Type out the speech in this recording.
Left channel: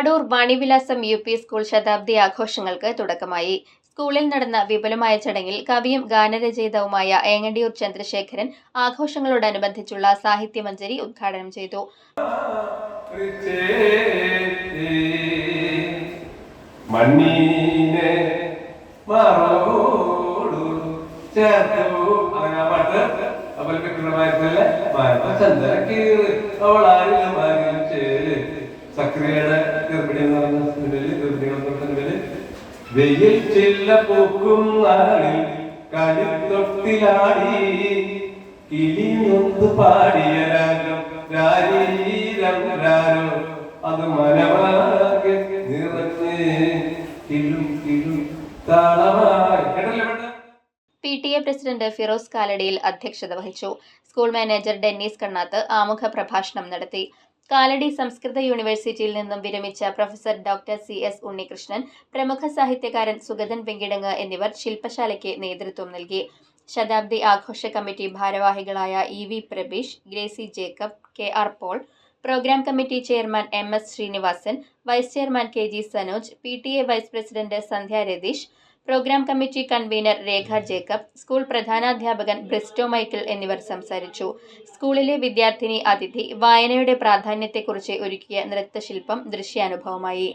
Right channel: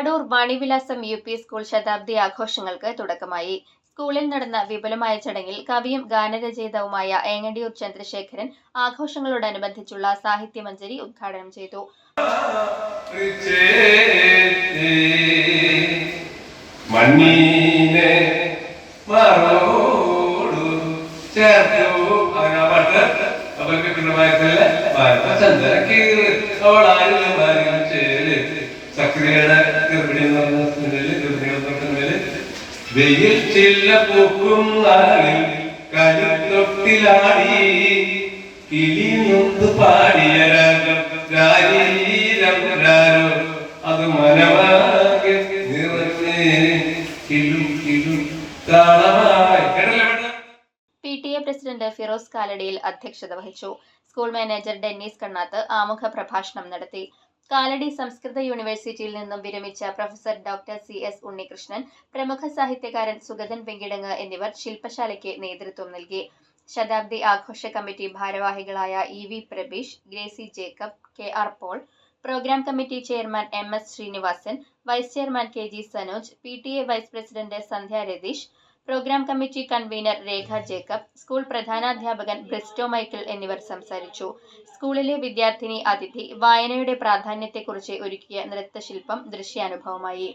മാടൂർ Vanivilasam UP school ശതാബ്ദി ആഘോഷങ്ങൾക്ക് തുടക്കമായി. സ്കൂളിൽ നടന്ന വിപുലമായ ചടങ്ങിൽ കവിയും ഗാനരചയിതാവുമായ ഏങ്ങണ്ടിയൂർ ചന്ദ്രശേഖരൻ ആഘോഷങ്ങളോടനുബന്ധിച്ചുള്ള സാഹിത്യമഞ്ജരി ഉദ്ഘാടനം ചെയ്തു. വെയിൽ ചില്ല പൂക്കും നാളിൽ കളിത്തൊട്ടിലാടി കിളിനൊന്ന് പാടിയ രാഗം അത് മനമാകെ നിറഞ്ഞേ കിലു കിലു താളമായി. PTA പ്രസിഡന്റ് ഫിറോസ് കാലടിയിൽ അധ്യക്ഷത വഹിച്ചു. സ്കൂൾ മാനേജർ ഡെന്നീസ് കണ്ണാത്ത് ആമുഖ പ്രഭാഷണം നടത്തി. കാലടി സംസ്കൃത യൂണിവേഴ്സിറ്റിയിൽ നിന്നും വിരമിച്ച പ്രൊഫസർ ഡോക്ടർ CS ഉണ്ണികൃഷ്ണൻ, പ്രമുഖ സാഹിത്യകാരൻ സുഗതൻ വെങ്കിടങ്ങ് എന്നിവർ ശില്പശാലയ്ക്ക് നേതൃത്വം നൽകി. ശതാബ്ദി ആഘോഷ കമ്മിറ്റി ഭാരവാഹികളായ EV Prabeesh, Gracy Jacob, KR Paul, programme committee chairman MS Sreenivasan, vice chairman KG Sanoj, PTA vice president Sandhya Ratheesh, programme committee convener Rekha Jacob, school പ്രധാനാധ്യാപകൻ ബ്രിസ്റ്റോ മൈക്കിൾ എന്നിവർ സംസാരിച്ചു. സ്കൂളിലെ വിദ്യാർത്ഥിനി അതിഥി വായനയുടെ പ്രാധാന്യത്തെക്കുറിച്ച് ഒരുക്കിയ നൃത്തശില്പം ദൃശ്യാനുഭവമായി.